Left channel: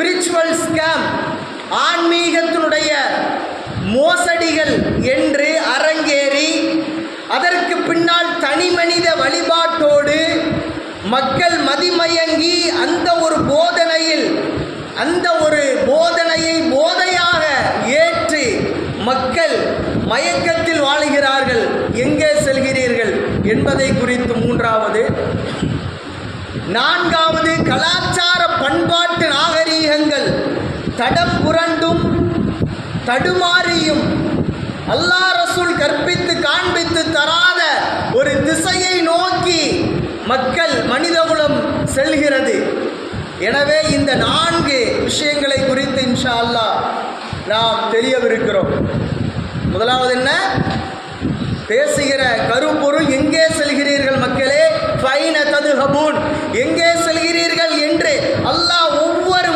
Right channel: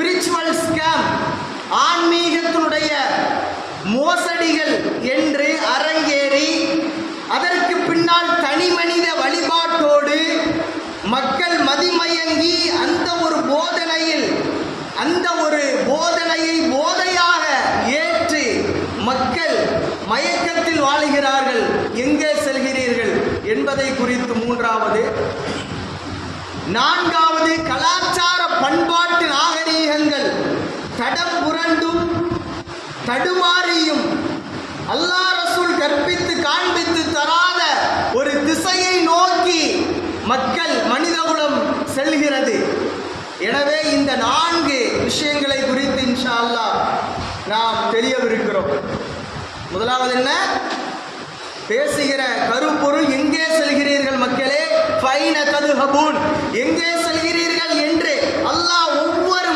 Spiritual scam, ஆன்மீகத்தினுடைய மோசடிகள் என்று அரங்கேறி அதற்கு பின்னால் தனி மனித வழிபாட்டோடு மக்கள் மதிமயங்கி அந்த ஒரு போதனையை போதையாக ஏற்று மக்கள் மயக்கத்தில் வாழுகிறார்கள். எங்கே செல்கிறீர்கள் என்பதை குறித்து 3வது. 4வது, கலாச்சார பண்பாட்டு நாகரீகங்கள் தடம் புரண்டும் தடுமாறியும் அல்லாஹ் ரசூல் கற்பித்து காண்பித்து தராத ஒரு திசையை நோக்கி மக்கள் மனிதகுலம் செல்கிறது. எனவே இந்த 4 விஷயங்களை குறித்து இன்ஷா அல்லாஹ் நாம் தெரியவிருக்கிறோம். முதலாவது என்ன? பேசுகிற கருப்பொருள் எங்கே செல்கிறீர்கள் மக்களே, ஃபைன ததுஹபூன், எங்கே செல்கிறீர்கள் என்று அல்லாஹ் ஒவ்வொரு